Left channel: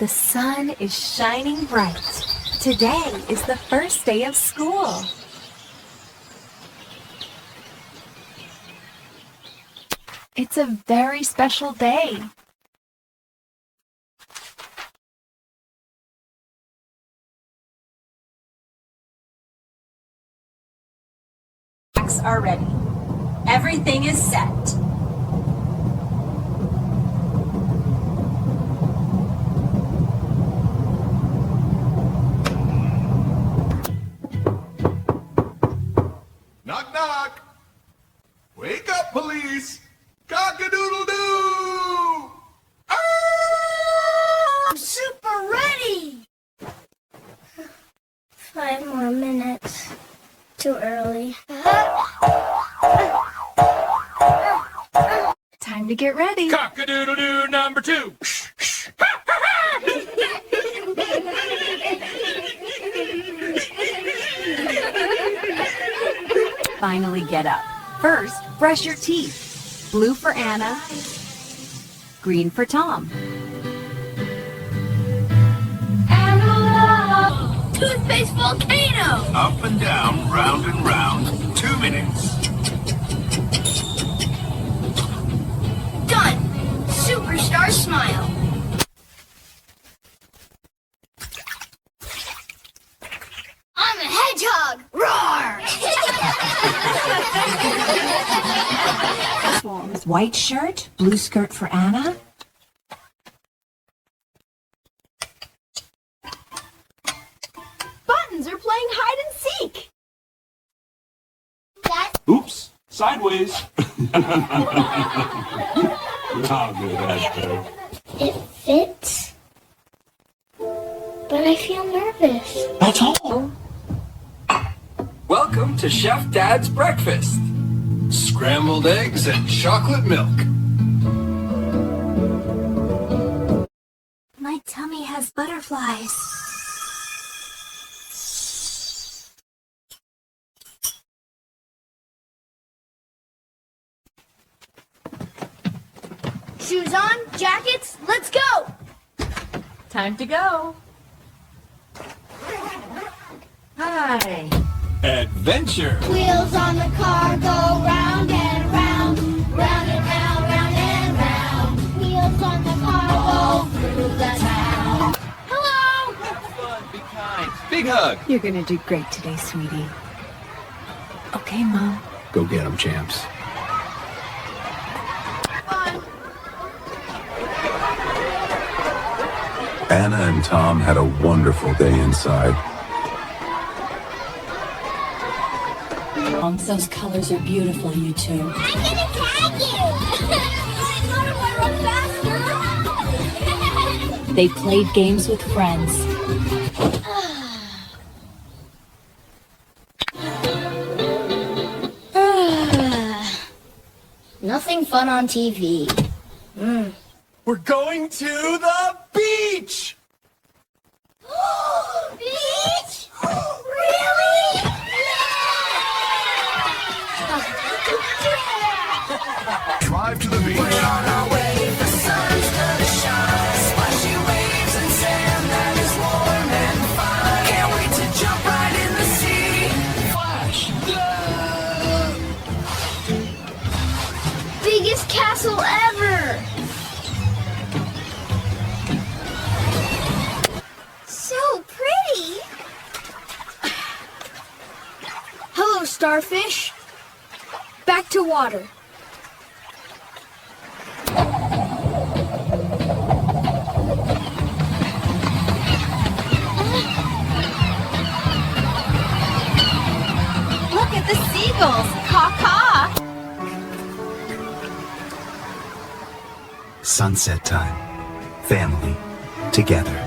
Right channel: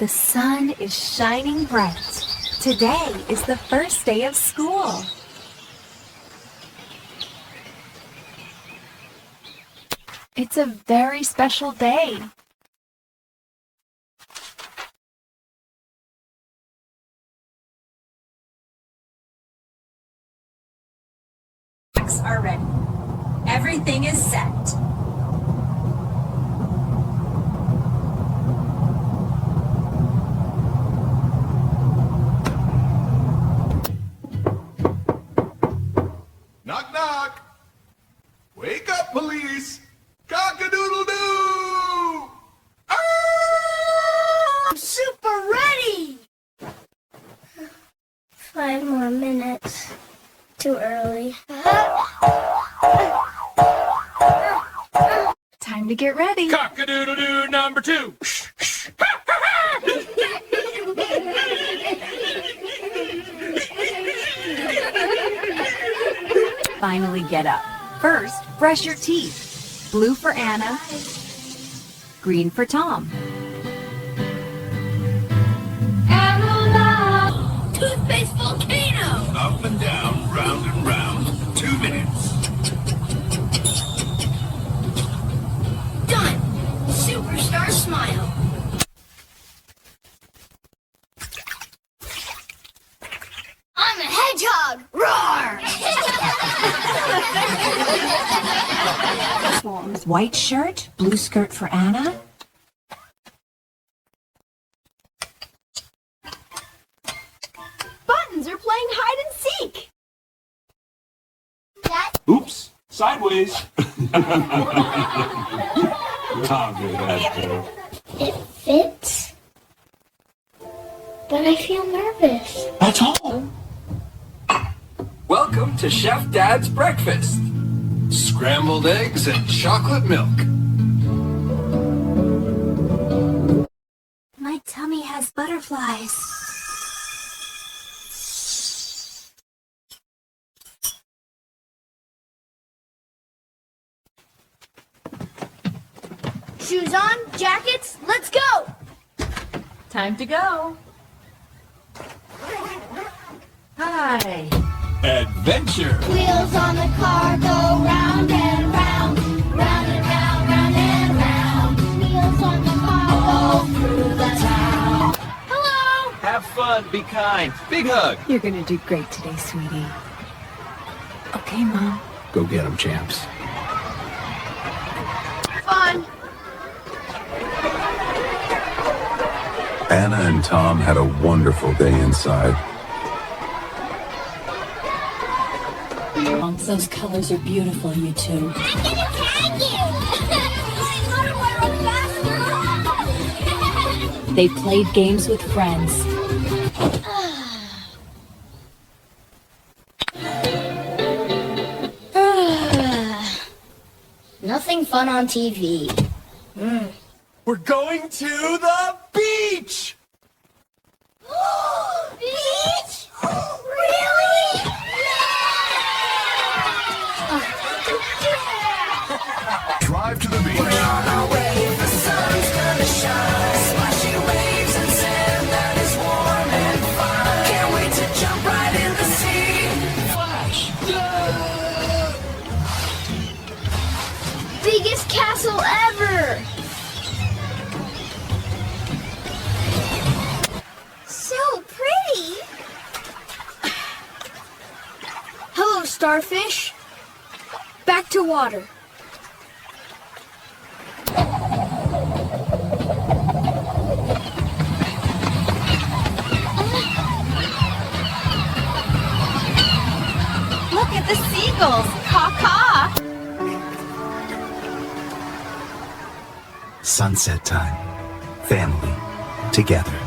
The sun is shining bright. Today is the first day of school. It's a very special day. Are ready. Everything is set. Knock, knock. Wake up, police. Cock-a-doodle-doo. I'm super ready. 5 more minutes. Too early. Time to get ready. Cock-a-doodle-doo number 2. Finally get up. First, brush your teeth. Blue for Anna. Green for Tom. Toothpaste volcano. Up and down, round and round. 2 minutes. Done. Superstar smile. I'm a hedgehog. Roar. White shirt, blue skirt for Anna. Buttons are playing hide and seek. Oops, sideways. How good that is. It fits, but I feel nervous. That's all. Welcome to Chef Dad's breakfast. Scrambled eggs and chocolate milk. My tummy has butterflies. Shoes on, jackets, let's go! Time to go. Hi. Adventure. Wheels on the car go round and round, round and round, round and round. Wheels on the car go through the town. Hello! Have fun, be kind. Big hug. You're gonna do great today, sweetie. Okay, Mom. Go get them, champs. Fun. Anna and Tom had a wonderful day inside. Those colors are beautiful, you two. I'm gonna tag you! I run faster! They played games with friends. Nothing fun on TV. We're going to the beach. Beach? Really? Drive to the beach. We're on our way, the sun's gonna shine. Splashy waves and sand that is warm and fine. Can't wait to jump right in the sea. Flash. Biggest castle ever! So pretty! Hello, starfish. Back to water. Look at the seagulls. Caw-caw. Sunset time. Family. Together.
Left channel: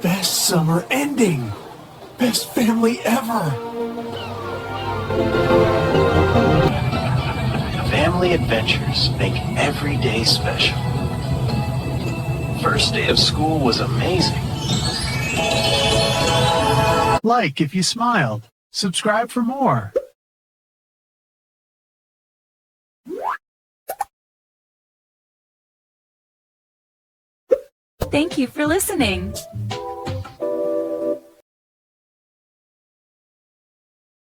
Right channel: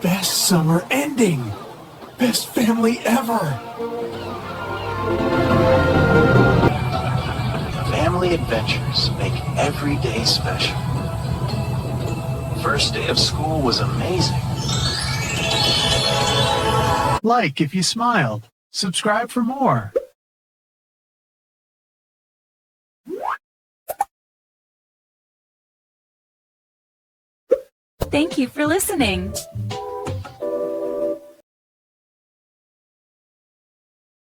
Best summer ending. Best family ever. Family adventures make every day special. First day of school was amazing. Like if you smiled. Subscribe for more. Thank you for listening.